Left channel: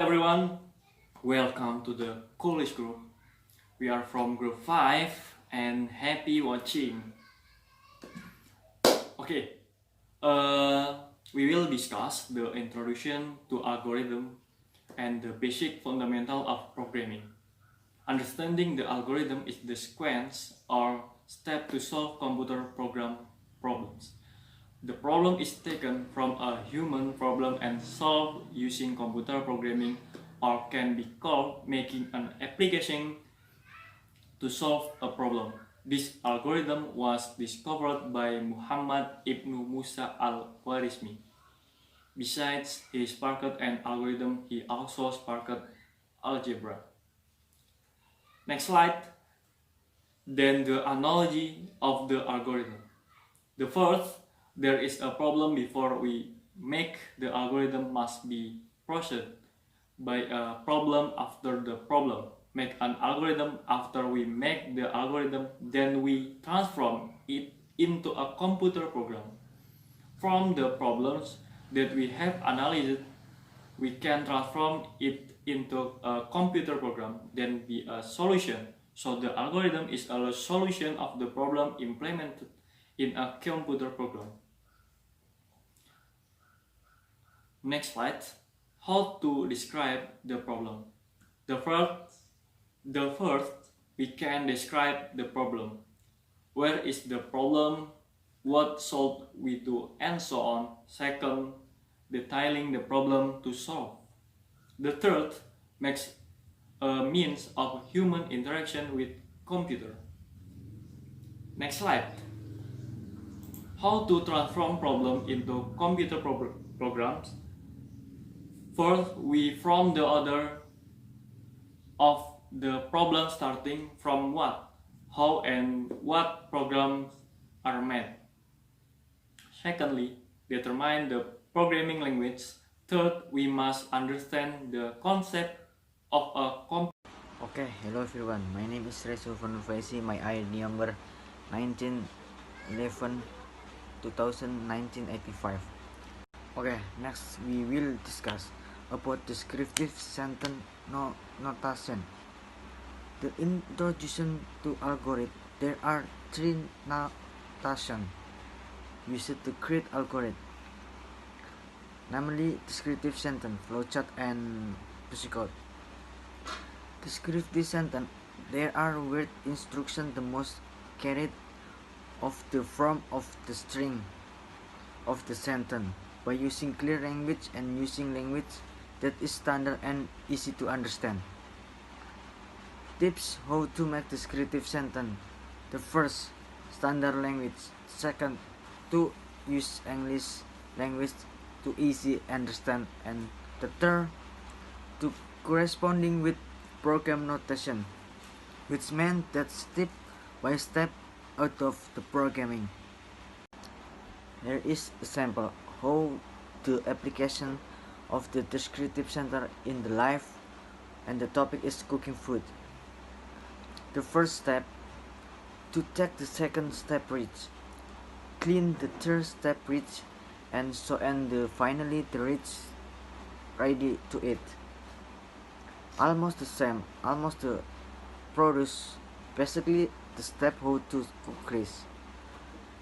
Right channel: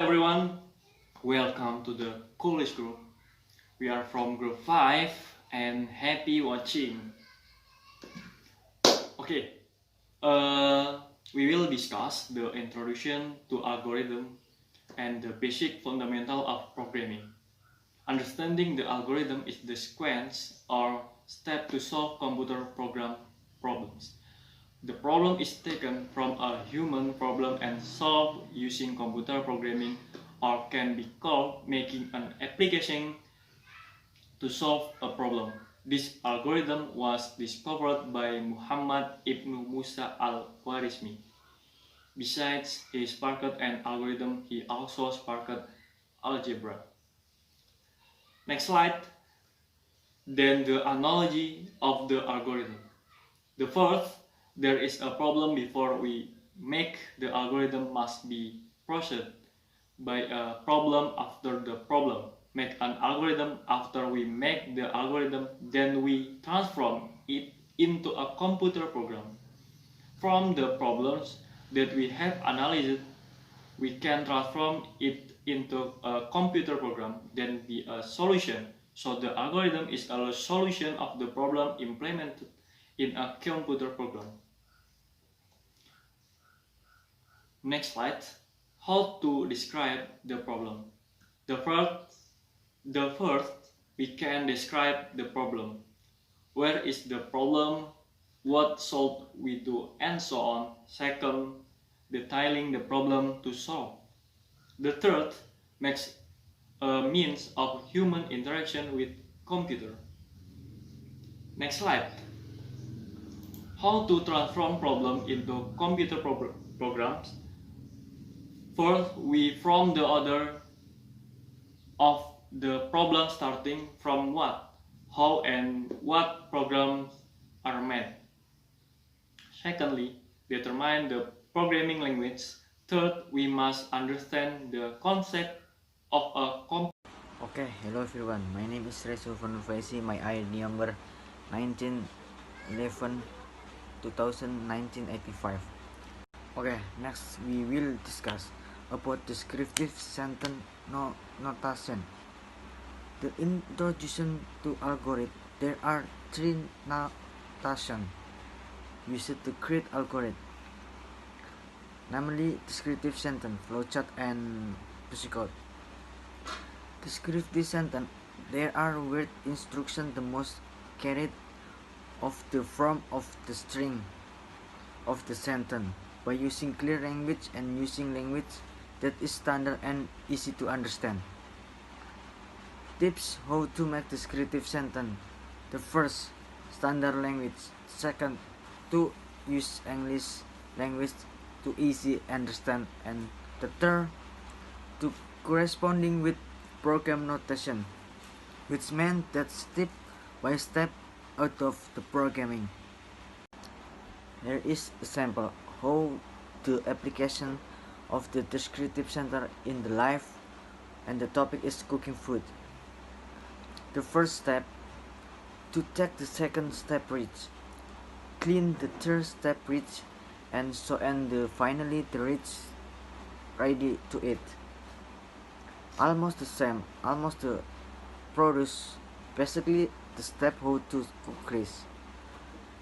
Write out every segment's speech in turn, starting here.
Everyone, welcome to the college group. We are from group 5 and happy watching. Okay, uh, we will discuss the introduction to algorithm and the basic fundamental of programming. Understanding the algorithm is the sequence or step to solve computer program problems. The problem is taken from a human problem and solved using computer programming, or can be called making an application to solve a problem. This algorithm was discovered by Muhammad ibn Musa al-Khwarizmi. Besides he sparked an algorithm, he also sparked algebra. Next slide. Then the analogy of the algorithm. The first, there is a problem before we make the algorithm must be processed by a problem after the problem. Make an algorithm after we make the algorithm, then we transform it into a computer program. From the problems that we have analyzed, we can transform it into a computer program, then be a solution. So the algorithm is a solution of the problem implemented in a computer program. Next slide. How to describe the problem. The first, we can describe the problem. Where is the problem? What should we do? And so on. Second, detailing the problem to solve. The third, makes a means of human interaction with computer. Next slide. How to transform problem into computer programs. First, we form the order of the problem starting from what, how, and what programs are made. Secondly, determine the programming language. Third, we must understand the concept of a computer. Okay, hello everyone. My name is Resul Faisi. My ID number 1911 2019-85. Okay, next we will discuss about descriptive sentence notation. The introduction to algorithm. There are three notation used to create algorithm, namely descriptive sentence, flowchart, and pseudocode. Descriptive sentence. There are word instructions the most carried of the form of the string of the sentence by using clear language and using language that is standard and easy to understand. Tips how to make descriptive sentence. The first, standard language. Second, to use English language to easy understand, and the third, to corresponding with program notation, which meant that step by step out of the programming. Here is a sample how the application of the descriptive center in the life, and the topic is cooking food. The first step, to take the second step reach, clean the third step reach, and so and finally the reach ready to eat. Almost the same, almost the produce, basically the step how to cook rice.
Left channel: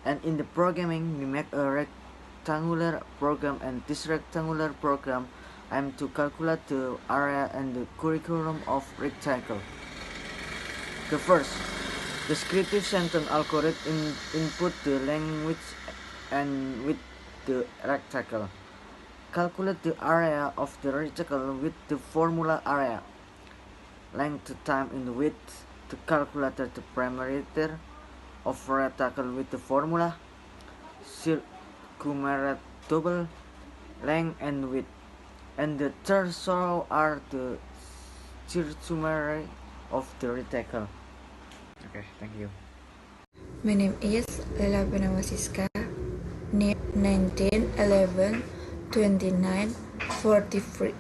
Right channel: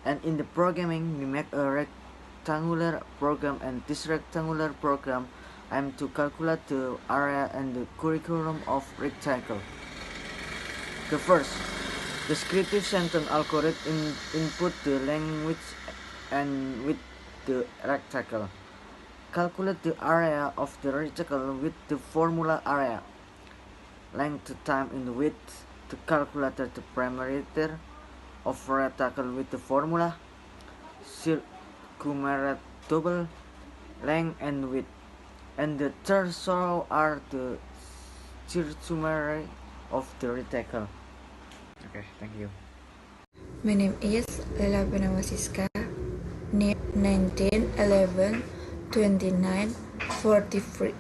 And in the programming we make a rectangular program, and this rectangular program I am to calculate the area and the curriculum of rectangle. The first, descriptive sentence algorithm input the language and with the rectangle. Calculate the area of the rectangle with the formula area. Length, time, and width. To calculate the parameter of rectangle with the formula. Circumference, length, and width. And the third row are the circumference of the rectangle. Okay, thank you. My name is Lela Penawasiska, name 1911 29 43.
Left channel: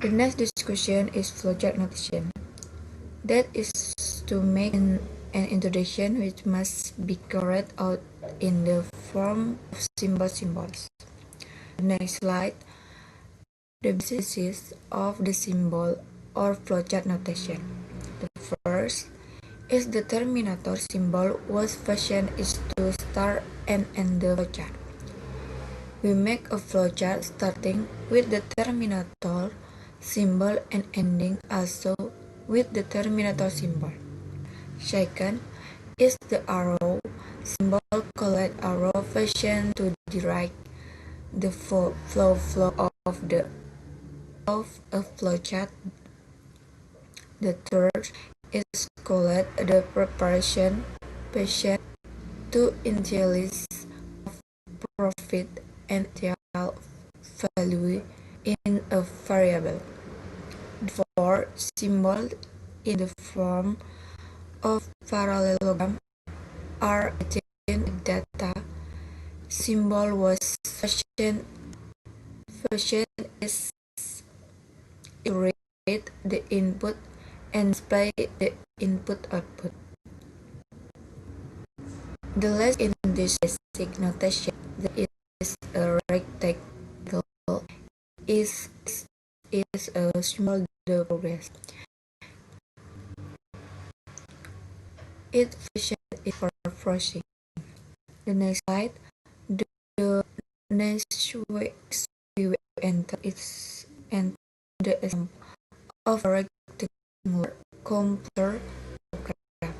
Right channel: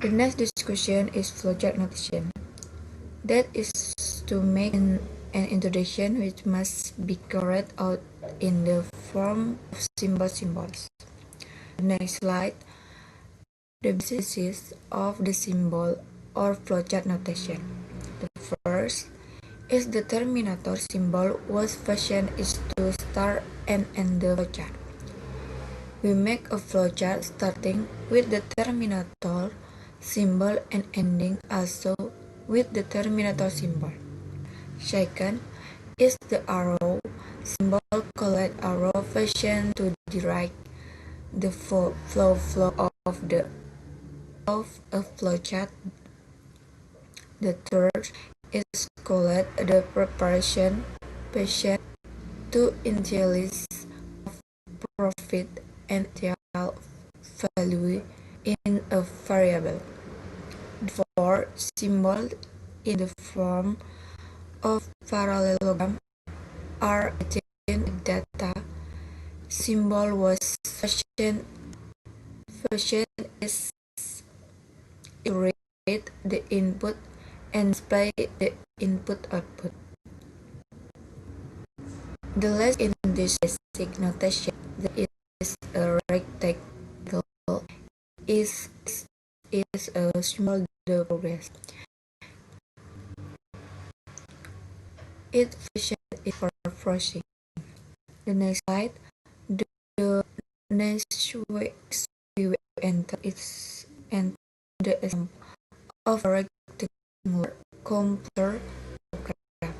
The next discussion is flowchart notation. That is to make an introduction which must be carried out in the form of symbols. The next slide. the basis of the symbol or flowchart notation. The first is the terminator symbol whose function is to start and end the flowchart. We make a flowchart starting with the terminator symbol and ending also with the terminator symbol. Second is the arrow symbol called arrow function to direct the flow of a flowchart. The third is called the preparation function to initialize profit and initial value in a variable. The fourth symbol in the form of parallelogram are again data symbol was function is to read the input and display the input output. The last in this basic notation that is a rectangle is a symbol the progress. Its function is for processing. The next slide, the next way we will enter is the example of a rectangular computer program.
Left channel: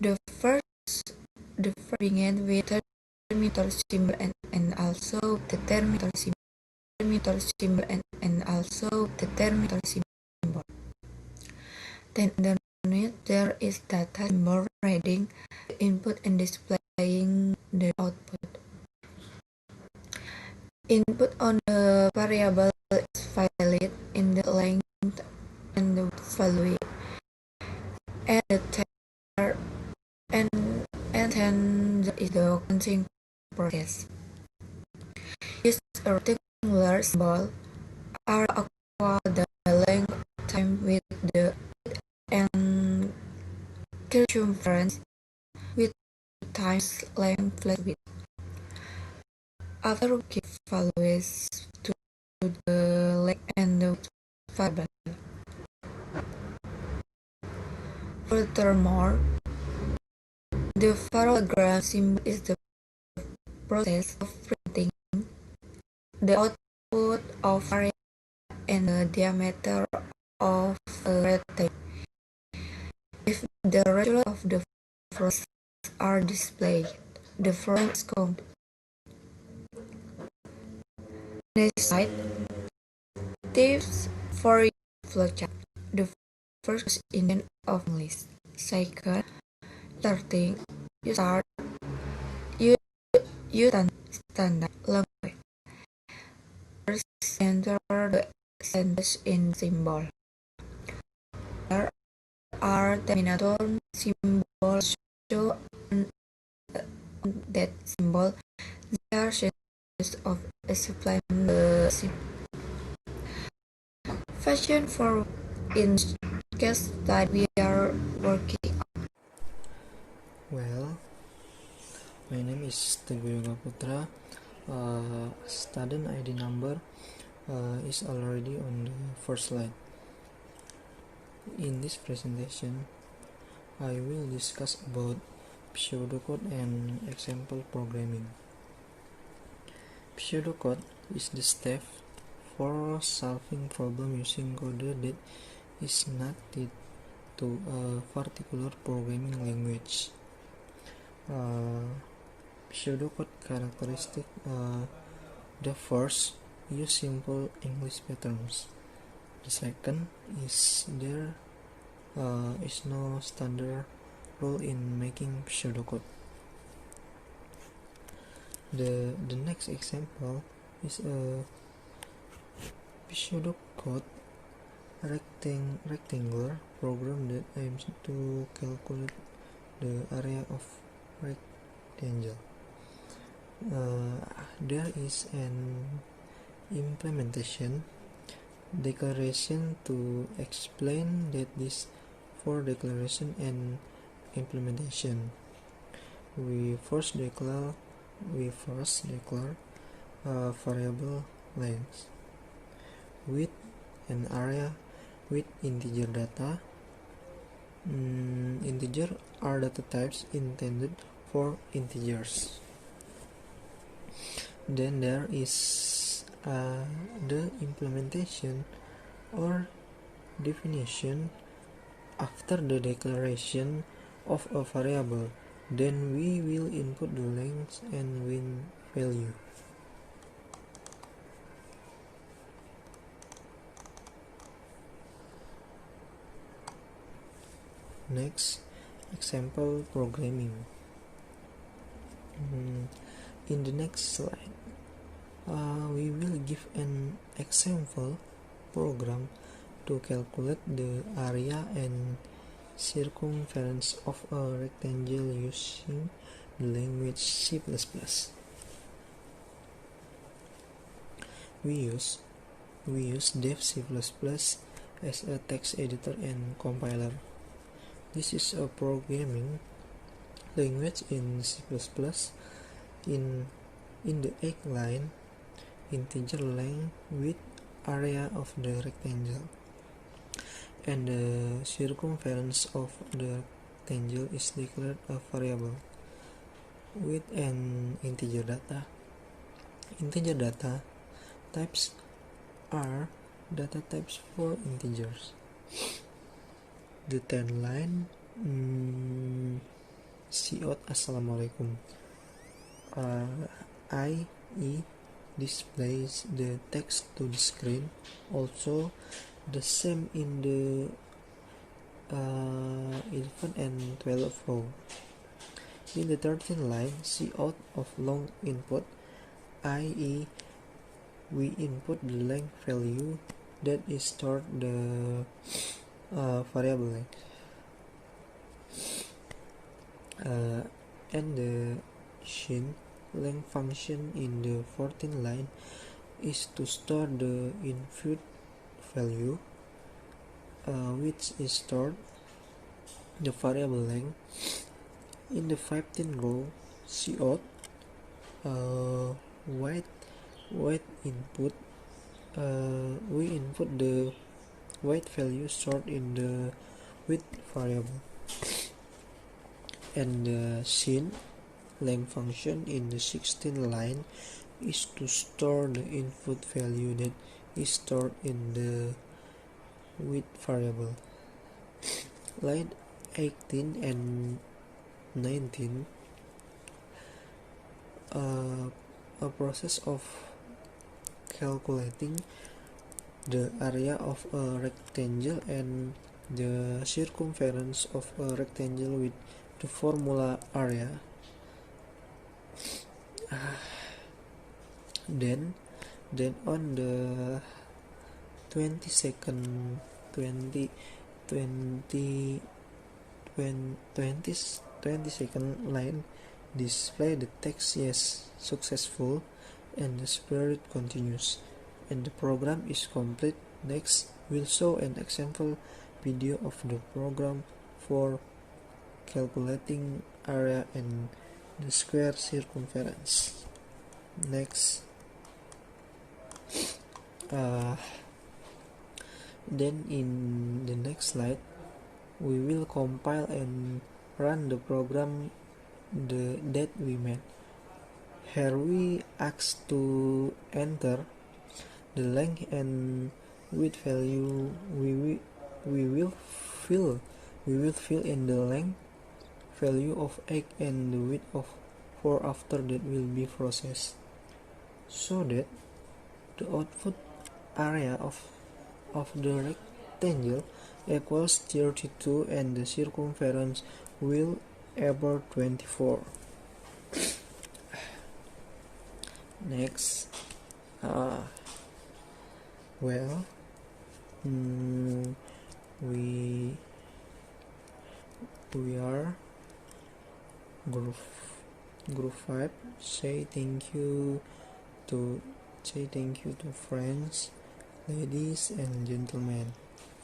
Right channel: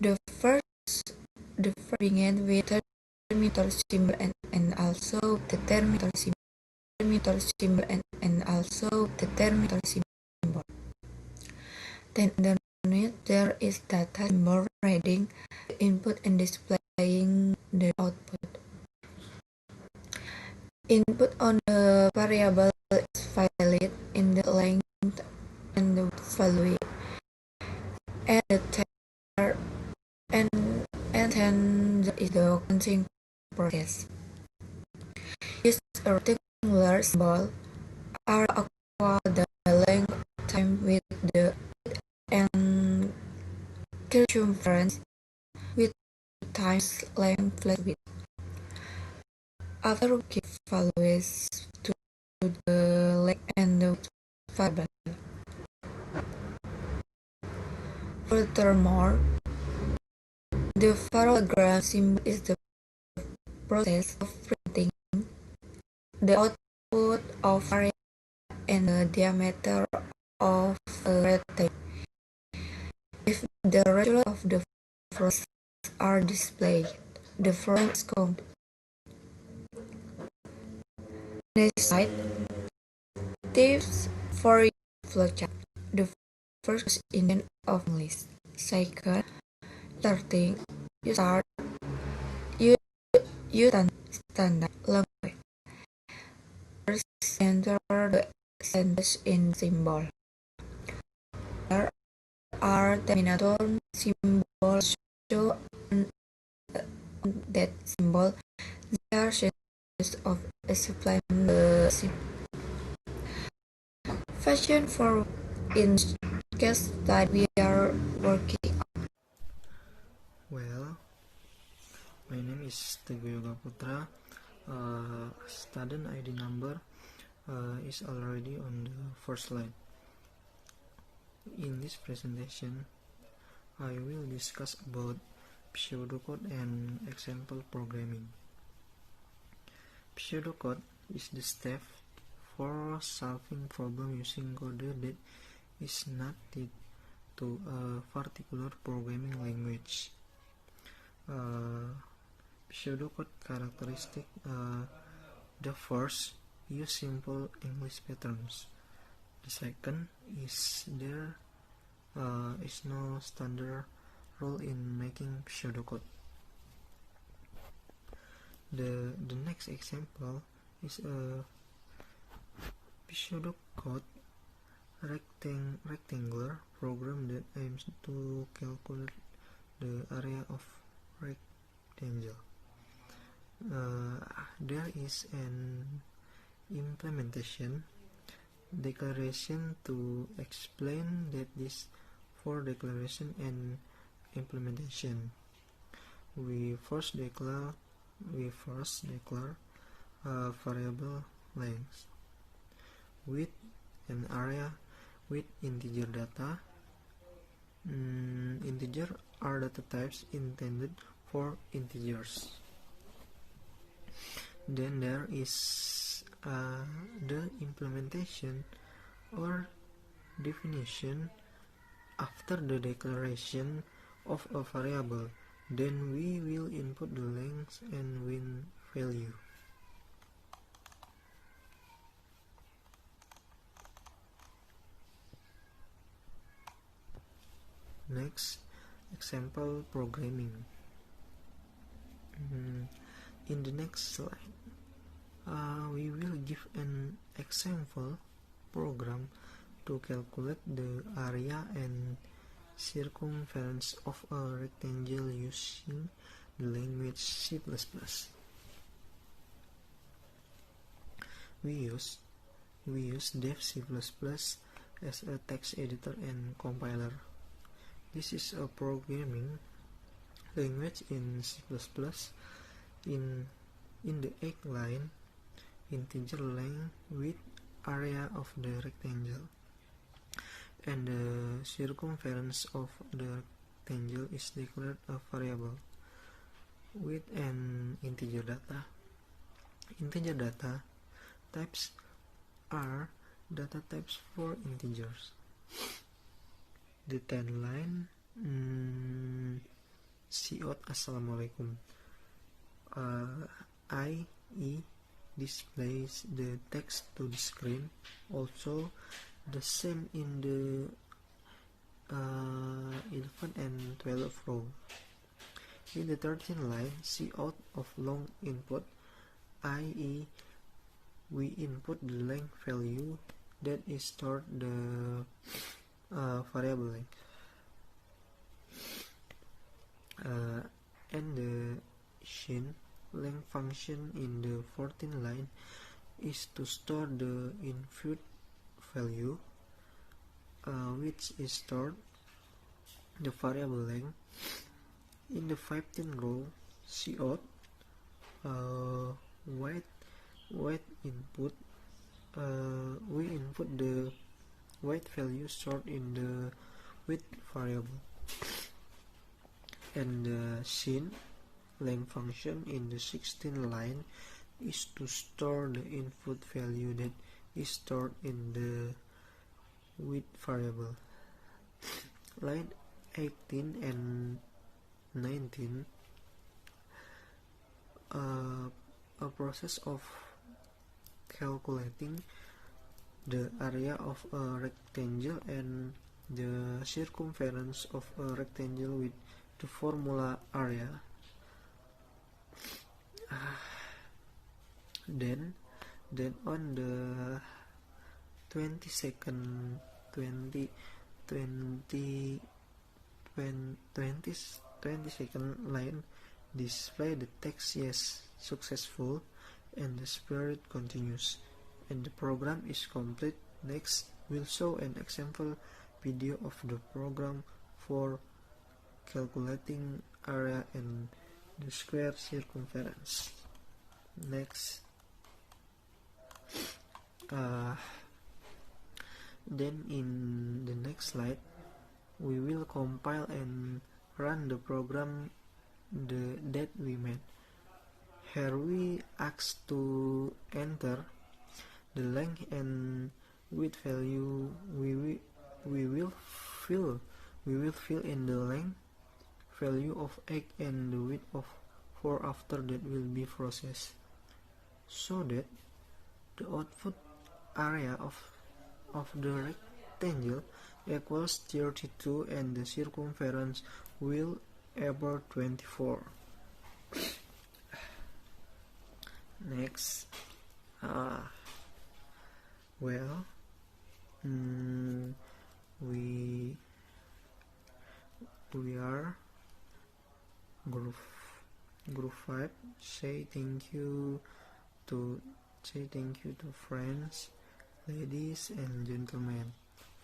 The first begin with the terminator symbol and also the terminator symbol and also the terminator symbol. Then underneath there is data symbol reading the input and displaying the output. Input on the variable is valid in the length and the value, and the third and then there is the counting process. Use a rectangular symbol are equal the length of time with the and circumference with times length plus width. After we give values to the length and the variable. Furthermore, the parallelogram symbol is the process of printing the output of area and the diameter of a rectangle. If the result of the process are displayed, the following is counted. Next slide. Tips for flowchart. The first is in of English. Second, starting. You start. You standard language. First, enter the sentence in symbol. There are terminator symbols show that symbol. There are sentences of explain the symbol. Fashion for in case that we are working. Well, my name is Teguh Yoga Putra. Student ID number is already on the first slide. In this presentation, I will discuss about pseudocode and example programming. Pseudocode is the step for solving problem using code that is not tied to a particular programming language. Pseudocode characteristic: the first, use simple English patterns. The second is there is no standard rule in making pseudocode. The next example is a pseudocode rectangular program that aims to calculate the area of rectangle. There is an implementation declaration to explain that this for declaration and implementation. We first declare variable length. with an area with integer data. Integer are data types intended for integers. Then there is the implementation or definition after the declaration of a variable. Then we will input the length and win value. Next, example programming. In the next slide, we will give an example program to calculate the area and circumference of a rectangle using the language C++. We use dev C++ as a text editor and compiler. This is a programming language in C++. In the 8th line, integer length with area of the rectangle and the circumference of the rectangle is declared a variable with an integer data. Integer data types are data types for integers. The 10th line, cout assalamualaikum. IE displays the text to the screen. Also, the same in the 11 and 12 row. In the 13th line, cout of long input, i.e. we input the length value that is stored the variable length. And the shin length function in the 14th line is to store the input value which is stored the variable length. In the 15th row, cout weight input, we input the weight value stored in the width variable. And the shin length function in the 16th line is to store the input value that is stored in the width variable. Line 18 and 19, a process of calculating the area of a rectangle and the circumference of a rectangle with the formula area. Then on the 22nd line, display the text yes, successful, and the spirit continues, and the program is complete. Next, we'll show an example video of the program for calculating area and the square circumference. Next, then in the next slide, we will compile and run the program that we made. Here we ask to enter the length and width value. We will fill in the length value of 8 and the width of 4 after that will be processed, so that the output area of the rectangle equals 32 and the circumference will equal 24. Next, we are group 5. Say thank you to friends, ladies and gentlemen,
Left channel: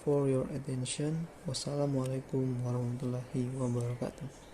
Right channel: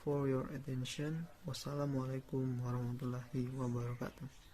for your attention. Wassalamualaikum warahmatullahi wabarakatuh.